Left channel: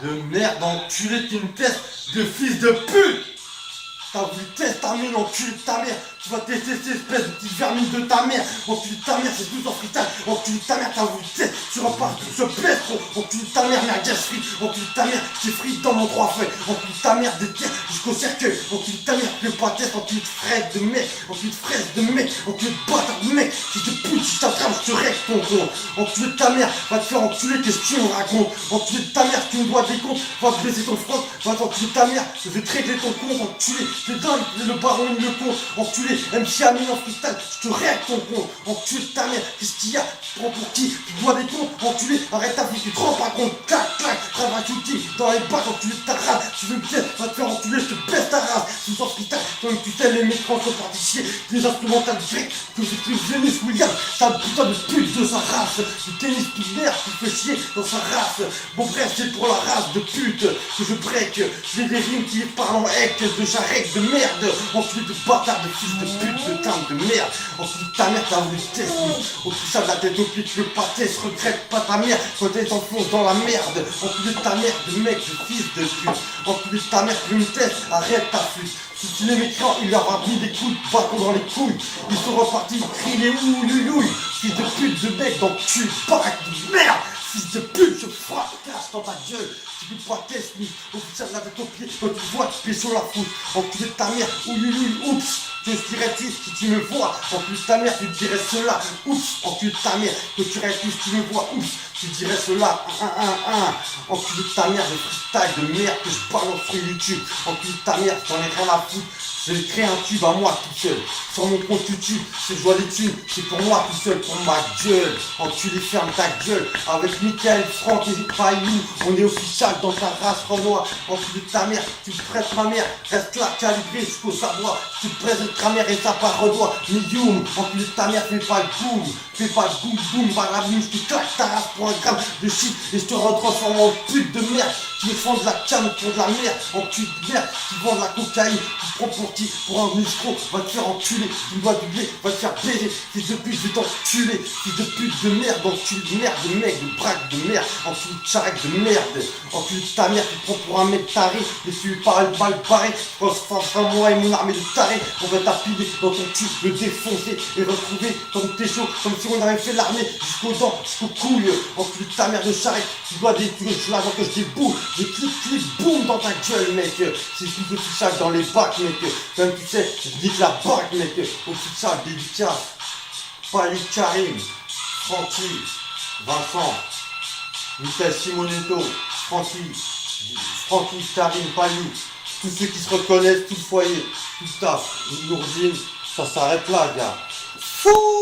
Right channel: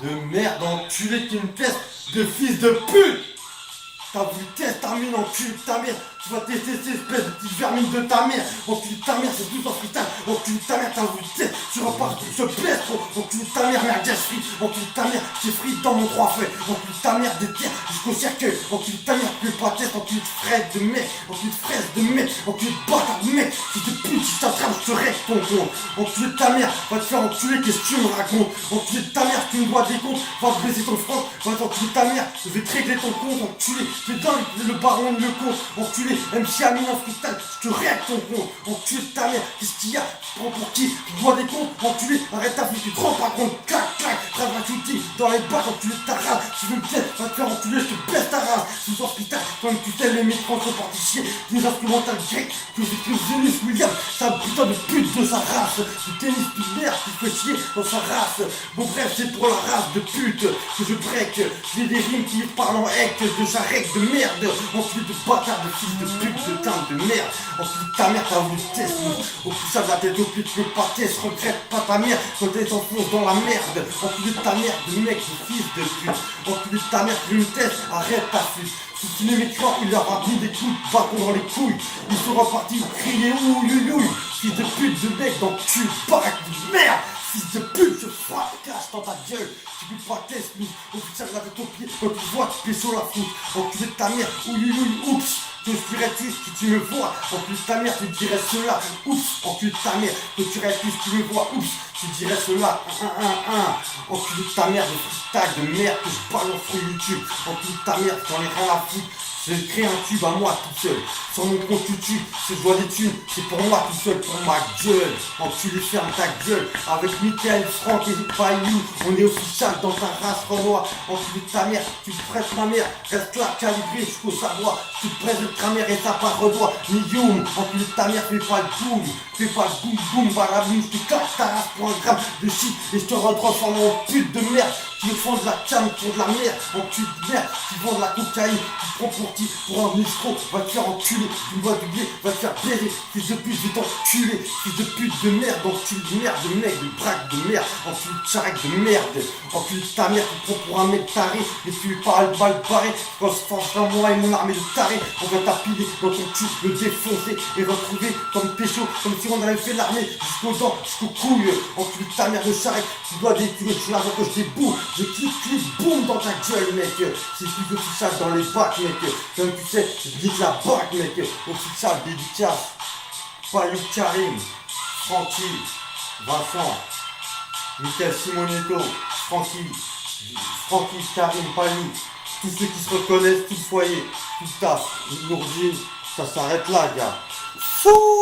de merde, enculé, t'es une tête de fils de pute. T'as voulu tester ta mine, enculé de ta mère. Tu vas tester cette espèce de petite vermine de ta mère. Enculé de ta mère, c'est tout en freestyle. Enculé de ta mère, t'as voulu tester. Tu repars ce pèse, gros. Enculé de ta mère, merguez frite. Enculé de ta mère, j'ai frite dans mon 3 feuilles. Enculé de ta mère, des terres jusqu'au cercueil. Enculé de ta mère, tu peux pas tester. Enculé de fraise de mec. Enculé de fraise de mec. Enculé de bâtard de mec. Si te pute, si je t'attrape, je te règle ton compte. Enculé de ta mère, va te faire enculer, qu'est-ce que tu me racontes? Enculé de ta mère, si tu me dois des comptes, va te baisser ton front. Va t'enculer de ta mère, je vais te régler ton compte. Enculé, t'es dingue, le baron il le compte. Enculé, MC Amine en freestyle, je te règle ton compte. Enculé de ta mère, qu'est-ce qu'il y a? Tu prends pour qui? Tu dois des comptes. Enculé, arrête ta vie, tu te rends pas compte. Clac, clac, travail shooting dans les bacs. Enculé de ta race, tu veux me faire, va te faire enculer, je te baisse ta race. Sous en freestyle, toi-même tu sais, les mécrans sont partis chier. Des instrumentales grecs que j'écris Venus Williams. C'est un putain de pute de sa race. Du tennis qui merde, qui fait chier dans sa race. Bon bref, c'est pour la race de pute que je break. J'ai des rimes qui parlent en hec, de charrec, de merde. Enculé de bâtard, de fils de pute, de teinte de merde. Enculé de ta mère, t'as voulu tester. Au touchage de la tête au pied, tu veux pas tester. Regrette pas ta mère quand elle s'enfonce dans la merde. Enculé de ta mère, de mec, de fils de pute. Enculé de ta mère, tu me testes, arrête ta flûte. Si tu les mécrans, il leur a mis des coups de bâton dans les couilles. Ils sont repartis crier ouïouïouï. Fils de pute, de mec, d'enculé, baraque de merde. Fils de pute, je frappe, casse dans ta gueule. Tu peux pas tester, au putain de la tête au pied, quand tu vois, tu pèses sur la foute. Enculé de ta mère, ouïouïouï, oups. Que je dirais-tu si tu me vois? Enculé de ta mère, tu dirais cela. Oups, enculé de ta mère, que tu dirais-tu si tu me vois? Oups, tu dirais cela. Enculé de ta mère, de freestyle de merde que je balance sur YouTube. Enculé de ta mère, j'en ai rien à foutre. J'ai créé un tube à moi tout seul. Sur mon compte YouTube, c'est joie des thunes. C'est pour moi tout seul, pour ma gueule. Enculé, ferme ta gueule. Avec Mickaël, Franck et Payou, on est official dans ta race Renoir. Enculé de ta mère, tu te prêtes ma mère. Reste là, calibré jusqu'au savoir. Tu te présentes ta mère et ça part redoit. Millium, enculé de ta mère, fais pas le boum. Fais pas le boum boum, balaboum. Je te claque ta race pour un gramme de shit. Et je te retransforme en pute de merde. Qui me font de la cam pour de la merde, enculé de merde, qui vend de la cocaïne, qui prend pour qui? Pour un escroc, va te faire enculer, tu me vois du blé, va te faire baiser, fils de pute, je vais t'enculer, fils de pute de merde, enculé de merde, de mec, de braque de merde, enculé de charrec de merde, enculé de ta mère, tu te prends pour un mec taré, mais tu es pas le balle barré, quand je pense à moi et mon armée de taré, on va t'appiler dans ton cul, le défoncer et retrouver comme pécho, comme si on avait fait l'armée jusqu'aux dents, jusqu'aux couilles, enculé de ta mère de charrec, tu dois des tuer, je l'argent que je déboule. Je clic, boum dans ta gueule, mec. C'est plus officiel dans les bacs, mec. Comme tu sais, je nique la bac, mec. Officiel, dédicace. Payou Karim, Francky, Vincent, Michael Simonetto, Francky, Karim, Payou. Tous ceux qui se reconnaissent, tout le foyer, tout le taf. Nourdine, ça s'arrête là, gars. Fou!